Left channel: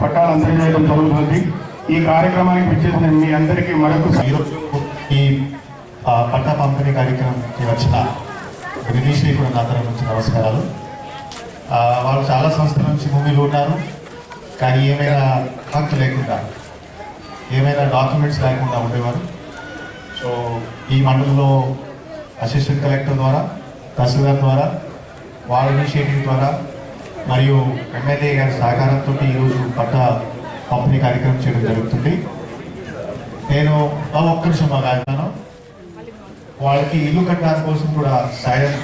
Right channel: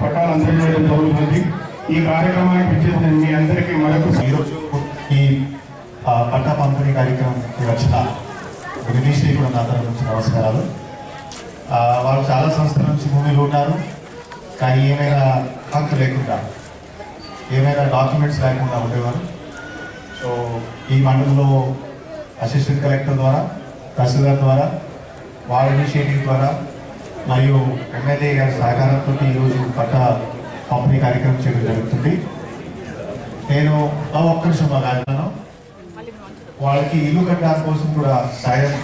పట్టాలందజేయడం జరుగుతుంది. ఈ కార్యక్రమానికి విచ్చేసిన మీ అందరికీ ఈరోజు ఈ పట్టా పంపిణీ కార్యక్రమానికి వచ్చిన వినీష్ని కూడా నా తరఫు నుంచి నమస్కారాలు. వాళ్ళు చాలా సంవత్సరాల నుంచి భూమిలో ఉన్నారు, కానీ ఏమైనా హక్కు లేకుండా, ఏమైనా డాక్యుమెంట్స్ లేకుండా ఉండేవారు. సో ఈ మండలంలో అసిస్టెంట్ కలెక్టర్ ద్వారా, తహసీల్దార్ ద్వారా, వాళ్ళ ఇనిషియేటివ్ ద్వారా మరియు ఎమ్మెల్యే గారి సహకారంతో ఈరోజు పట్టా పంపిణీ కార్యక్రమం చేయడం జరుగుతుంది. నేను ఒక్క నిమిషం మాట్లాడుతున్నాను. వాళ్ళకి ఇల్లు కట్టడానికి కోసం కూడా సాయం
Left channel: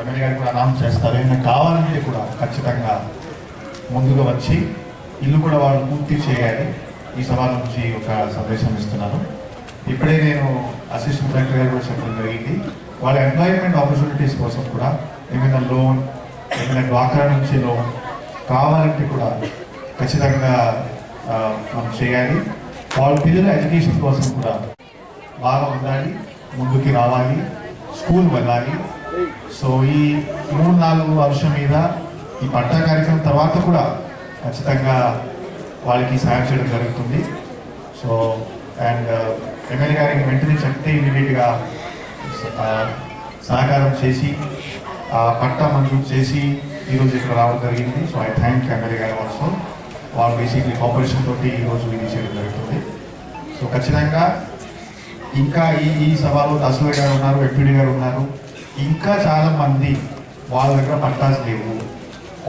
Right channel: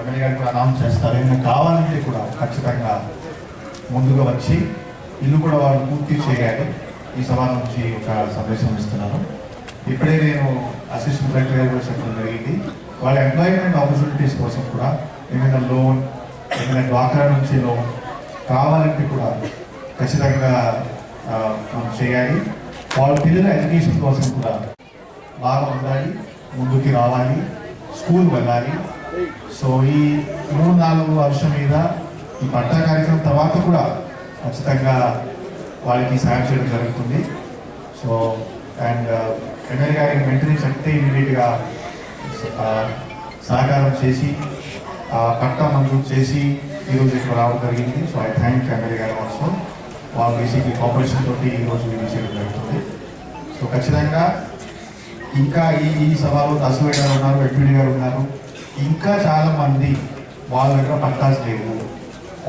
ఎమ్మెల్యే గారు కూడా అనౌన్స్ చేస్తారు. ఏమైనా కావాలంటే కూడా ఖచ్చితంగా ముందుగా వచ్చి ఇల్లు కూడా వాళ్ళు పూర్తి చేయాలి. ఈ సభ నుంచి ఒక సందేశం ఇస్తున్నాను. ఇప్పుడే నేను అసిస్టెంట్ కలెక్టర్ గారు కూడా చెప్పడం జరిగింది. వాళ్ళ ఎంప్లాయ్మెంట్ ఆపర్చునిటీస్ కోసం కూడా ఏమైనా లోన్, ఏమైనా డ్వాక్రా నుంచి లోన్ కావాలంటే కూడా ఖచ్చితంగా మనం చేయాలి. వాళ్ళ పిల్లల ఎడ్యుకేషన్ కోసం కూడా బాగా ఉండాలి, ముందుకి రావాలి, స్కూల్ వెళ్ళాలి. సో ఈ 3-4 వర్షం మీద ఈ పట్టా కార్యక్రమం తర్వాత కూడా ఖచ్చితంగా వాళ్ళకి సాయం చేయడం జరుగుతుంది. సో అండ్ ఎమ్మెల్యే గారికి వెంటనే చెప్తే ఇమీడియట్గా సహకారం చేసి పట్టా మంజూరు చేసి ఈరోజు ఇక్కడ రావడం జరిగింది. సో ఐ థ్యాంక్ ఎమ్మెల్యే గారు ఆల్సో. వాళ్ళు బేసిక్లీ కోఆపరేషన్ తోటి ఈరోజు ఇది చేయడం జరుగుతుంది. సో ఖచ్చితంగా ఇంకా ఈ సభలో తహసీల్దార్ గారు ఉన్నారు, ఎంపీడీ గారు ఉన్నారు, ఇంకా చాలా మంది వాళ్ళ దగ్గర పట్టాస్ లేవు,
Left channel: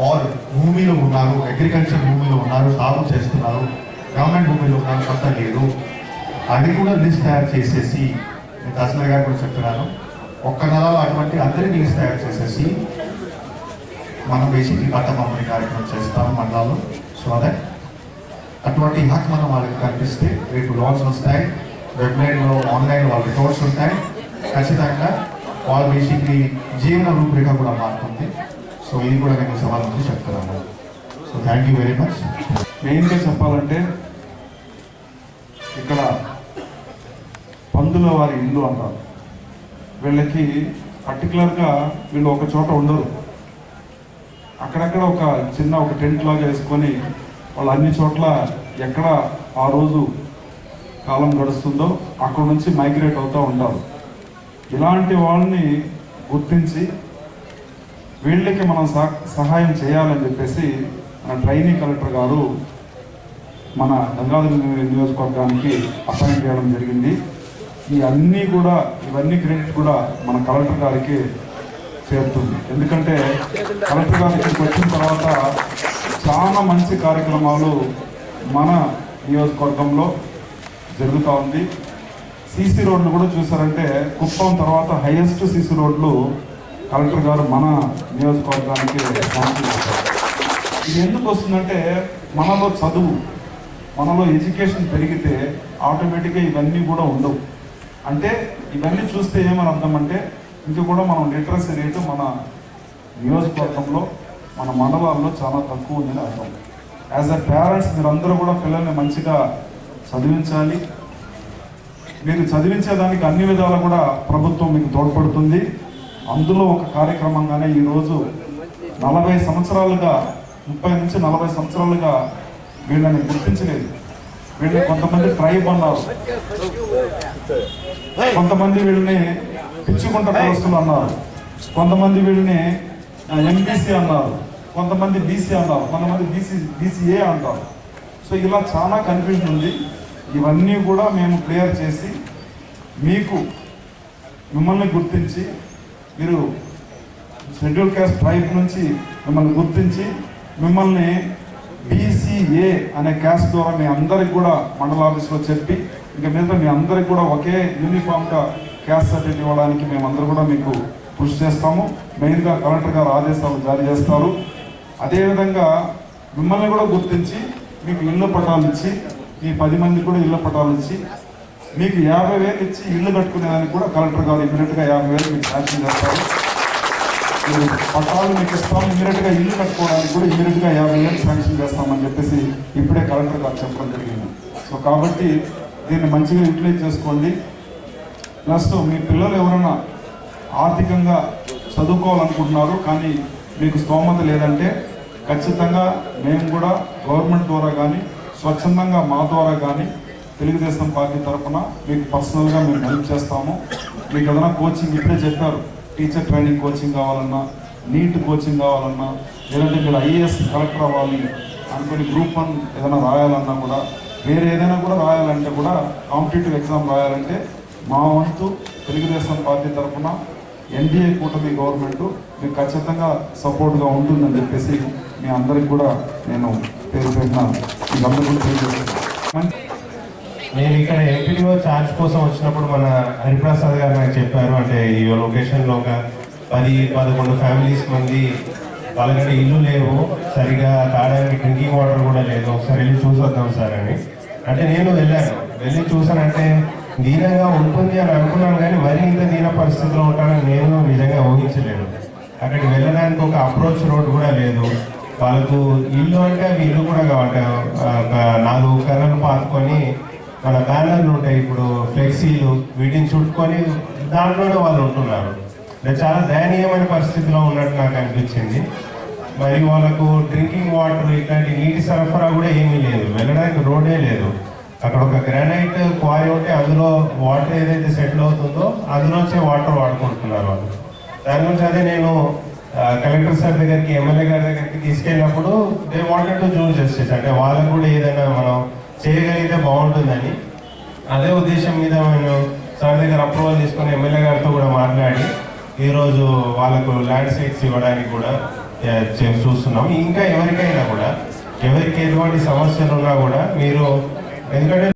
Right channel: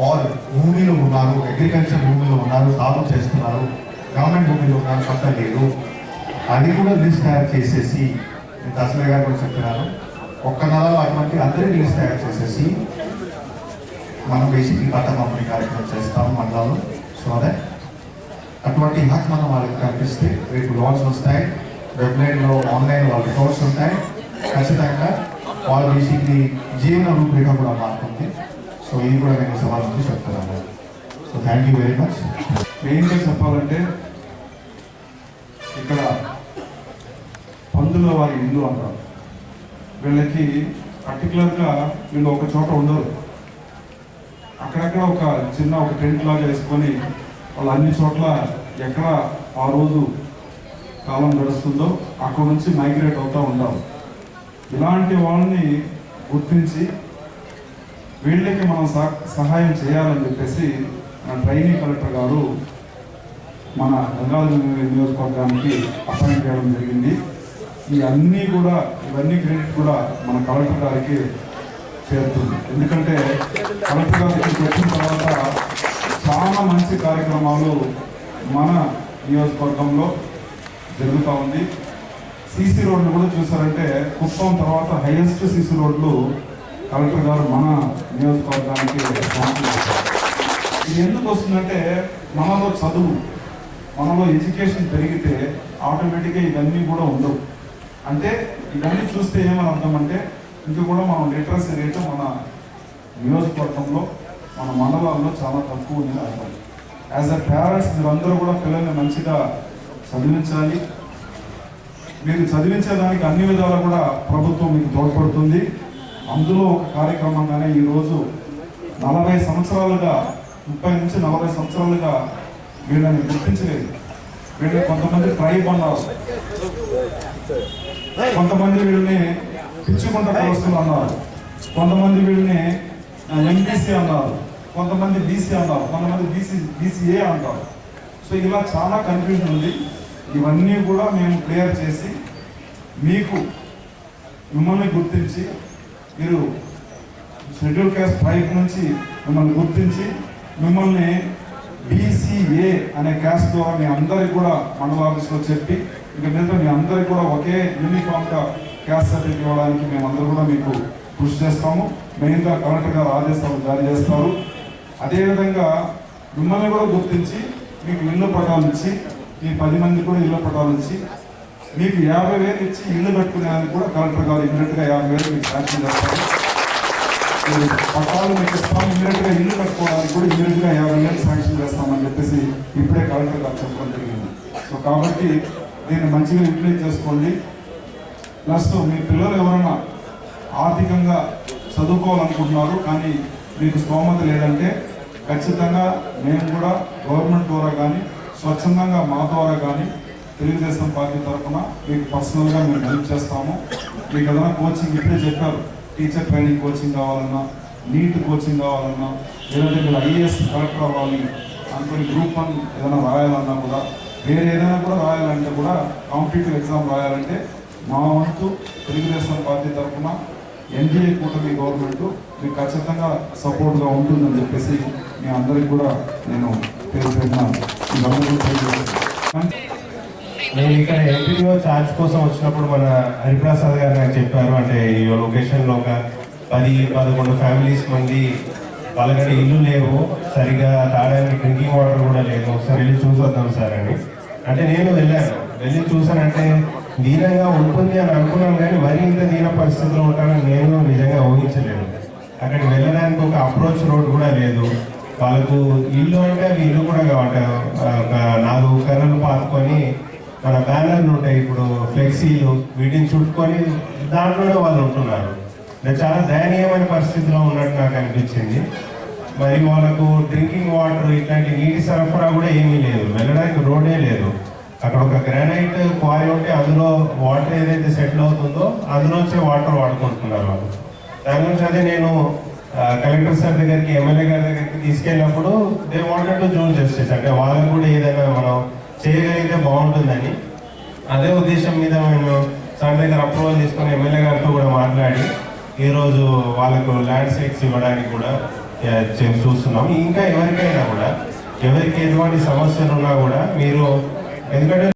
ఆర్ భూమిలో ఉన్నారు, అగ్రికల్చర్ భూమిలో ఉన్నారు, సాగు చేస్తున్నారు, గవర్నమెంట్ భూమిలో ఉన్నారు, పట్టా లేదు. అది కూడా లిస్ట్ తయారు చేసేసి నేను తహసీల్దార్ గారు కూడా చెప్తున్నాను, ఒక్క నెలలో అటువంటి అందరికీ లిస్ట్ తయారు చేసేసి మనం బేసిక్లీ పట్టా పంపిణీ కార్యక్రమం చేస్తాము మండలాల్లో. సో అదే అటువంటి హక్ మనం వాళ్ళకి కల్పిస్తే రేపు లోన్స్ వస్తాయి, వెబ్లైన్లో ఆన్లైన్ వాళ్ళ రిపోర్ట్స్ ఉంటాయి. ఖచ్చితంగా వాళ్ళ బేసిక్లీ జీవన రూపురేఖ కూడా మారుతుంది. సో ఇది కూడా నేను సవాల్ నుంచి చెప్తున్నాను. So thank you very much. మెయిన్గా చెప్పాలంటే ఇక్కడ పందుల వారి ఇల్లు అంటారు. వీళ్ళకి పర్టికులర్గా వీళ్ళు ఒక చోట ఉండరు, అక్కడక్కడ ఒక చిన్న టెంట్ లాగా వేసుకొని వాళ్ళు అన్ని చోట్ల ఎక్కడ ఆ రోజు కాలం గడుస్తుందో అక్కడ నుంచి మైగ్రేట్ అవుతూ ఉంటారు. ఇలాంటి వాళ్ళని గుర్తించి వీళ్ళకి మనం సహాయం చేయాలని చెప్పేసి మన ట్రైనింగ్ కలెక్టర్ గారు మన గంగాధర నియోజకవర్గానికి అపాయింట్ చేయడం జరిగింది. ఇవన్నీ క్రెడిట్ కూడా మన కలెక్టర్ గారికి చేరుతుంది. ఎందుకంటే కలెక్టర్ గారికి వచ్చిన తర్వాత చాలా మంచి కార్యక్రమాలు మన నియోజకవర్గంలో జరుగుతూ ఉంది. సీసీ రోడ్లు కూడా చూసారంటే కుప్పం తర్వాత హైయెస్ట్ సీసీ రోడ్లు కలెక్టర్ గారు మన నియోజకవర్గానికి సమర్పించారు. ఇది ఎందుకు వస్తుందంటే మనలో చదువు, మనలో ఎడ్యుకేషన్ పెరిగితే ఆటోమేటిక్గా ఇవన్నీ కూడా ఉండవు. అంటే ఇవన్నీ చూస్తే ఏమని అర్థం అంటే ఇంకా కూడా మనం లిటరసీ రేటు మన నియోజకవర్గంలో, మన మండలాల్లో చాలా తక్కువ ఉందని అర్థం. యాజ్ అ పేరెంట్స్ మీరందరూ కూడా పిల్లల్ని మంచిగా చదివించాలి. మీరు చదివించేదానికి అన్ని విధాలా కూడా ప్రభుత్వం మీకు తోడ్పడుతుంది. అందులో ఒక కార్యక్రమంగానే ఈరోజు 40 సంవత్సరాలుగా 30 నుంచి 40 సంవత్సరాలుగా వీళ్ళని గుర్తించలేదు. వీళ్ళని కొంతమంది ట్రైబ్ అన్నారు, కొంతమంది వీళ్ళని పిచ్చుకుంట కులస్తులు అన్నారు, కొంతమంది వీళ్ళని ఎంపీసీ అన్నారు, కొంతమంది బీసీ అన్నారు, కొంతమంది బీసీఏ అంటారు. సో ఇలా చాలా కన్ఫ్యూజన్ ఉంది. ఇవన్నీ కూడా మేము క్లియర్ చేసి మిమ్మల్ని గుర్తించి, మీరు షెడ్యూల్ క్యాస్ట్ ట్రైబ్ నుంచి మిమ్మల్ని గుర్తించి మిమ్మల్ని బీసీఏ అనే క్యాస్ట్ ద్వారా మీ అందరికి కూడా మండల ఆఫీస్లో చెప్పి ఇంకా మీద మీ అందరికి కూడా ఒకే యూనిఫామ్గా క్యాస్ట్ సర్టిఫికేట్ ఇవ్వడానికి మేమందరూ కూడా మీకు కృషి చేస్తాము. మెయిన్గా కలెక్టర్ గారు ఆదేశాలు జారీ చేస్తారు. అదేవిధంగా మిమ్మల్ని కూడా గుర్తించి మీకు ఇళ్ళ పట్టాలు ఇచ్చి, మీ 10 మంది కూడా ఇళ్ళ పట్టాలు ఇచ్చి మీకు 50,000 ఇచ్చి ఇల్లు కట్టుకునేదానికి కూడా కలెక్టర్ గారు ఇమీడియట్గా 50,000 మీకు శాంక్షన్ చేస్తారు. మీరు పట్టాలు మీకు ఇస్తాం, ఇమీడియట్గా ఇల్లు కట్టుకోవడానికి కూడా ఇమీడియట్గా 50,000 శాంక్షన్ చేస్తామని చెప్పేసి ఇప్పుడే కలెక్టర్ గారు చెప్పడం జరిగింది. సో కాబట్టి దీన్ని మంచిగా యూటిలైజ్ చేసుకోండి. ప్లస్ మీ పిల్లలు ఎవరైనా ఆర్థికంగా చదువుకోవాలనుకుంటున్నారు కానీ మీకు స్తోమత లేదంటే ఖచ్చితంగా మేము కూడా గవర్నమెంట్ ద్వారా కానీ స్వచ్ఛందంగా మా ద్వారా కానీ తెలుగుదేశం పార్టీ తరఫున మీకు పర్సనల్గా మేము హెల్ప్ చేస్తాము. మీకు ఏదైనా కోచింగ్ ఇప్పుడే చెప్పారు, టీచర్ ట్రైనింగ్ కోచింగ్ కావాలన్నా, నీట్ కోచింగ్ కావాలన్నా, లేదంటే మీరు ఐఏఎస్ కలెక్టర్ అవ్వాలి అనుకుని గ్రూప్ 1 ఏదైనా రాయాలన్నా కూడా, వేరే ఏదైనా కూడా రాయాలంటే కూడా, కాంపిటేటివ్ ఎగ్జామ్ రాయాలంటే మా వంతు తెలుగుదేశం పార్టీ తరఫున ఎన్డీఏ కూటమి గవర్నమెంట్ మీకు ఖచ్చితంగా సపోర్ట్గా ఉంటుందని చెప్పేసి మీ అందరికి కూడా నేను పేరు పెట్టిన మీరందరూ తెలియజేస్తున్నాను. నేను ఇక్కడ ఎంపీడీఓ ఛార్జ్ కోసం వచ్చినప్పుడు మన హరిప్రసాద్ గారు నాకు చెప్పారు, అంటే ఈ లొకేషన్లో ఒక 10-11 ఫ్యామిలీస్ మంది వాళ్ళకంటే ఇల్లు లేవు, సరిగా తాగడానికి డ్రింకింగ్ వాటర్ కూడా లేదు, ఒకసారి వెళ్ళి చూసొద్దాం సార్ అని. అంటే నేను వెళ్ళి చూసానంటే దీనంగా ఉంటుంది అని అనుకున్నాను, కానీ మరీ ఇంత దీన పరిస్థితిలో ఉంటానని నేను నిజంగా ఊహించలేను. అక్కడికి వెళ్ళడానికి ఒక అప్రోచ్ రోడ్ కూడా లేదు. వాళ్ళకు ఇల్లు అంటే అవి ఇల్లు కూడా కావాలి, ఒక 4 కర్రలు పాతుకొని మన బ్యానర్లు ఉంటాయి, ఇప్పుడు ఫ్లెక్సీలు, వీటిని చుట్టుకొని దాంట్లోనే వాళ్ళు ఉంటున్నారు. చాలా దయనీయమైన పరిస్థితిలో ఉన్నట్టు నాకు అనిపించింది. మరి వాళ్ళకు డ్రింకింగ్ వాటర్ ఇట్లాంటి నీటి సరఫరా కూడా ఏమీ లేదు, వెళ్ళడానికి రోడ్డే లేదు. అక్కడ ఒక గ్రానైట్ క్వారీ ఉంటే అందులో వాటర్ ఏదైతే సెటిల్ అవుతుందో అందులోంచే వాటర్ వాడుకుంటున్నారు వాళ్ళు. దాని గురించి అదే నేను కలెక్టర్ సార్ దగ్గరికి, ఎమ్మెల్యే గారి దగ్గరికి తీసుకెళ్ళినప్పుడు they wanted to do justice, అంటే వాళ్ళకు కూడా ఏదైనా మనం చేయగలిగితే బాగుంటుందని అదే ఉద్దేశం మీద నేను సార్ దగ్గర అప్రూవల్ తీసుకొని ఎమ్మెల్యే గారితో కూడా మాట్లాడి ఈరోజు వాళ్ళకు ల్యాండ్ సైట్స్ ఇవ్వడానికి కూడా చూస్తున్నాం. ఇంకా ఎవరికైనా కూడా, ఎవరికి ఎటువంటి సమస్యలు ఉన్నా కూడా మీరు, ఎందుకంటే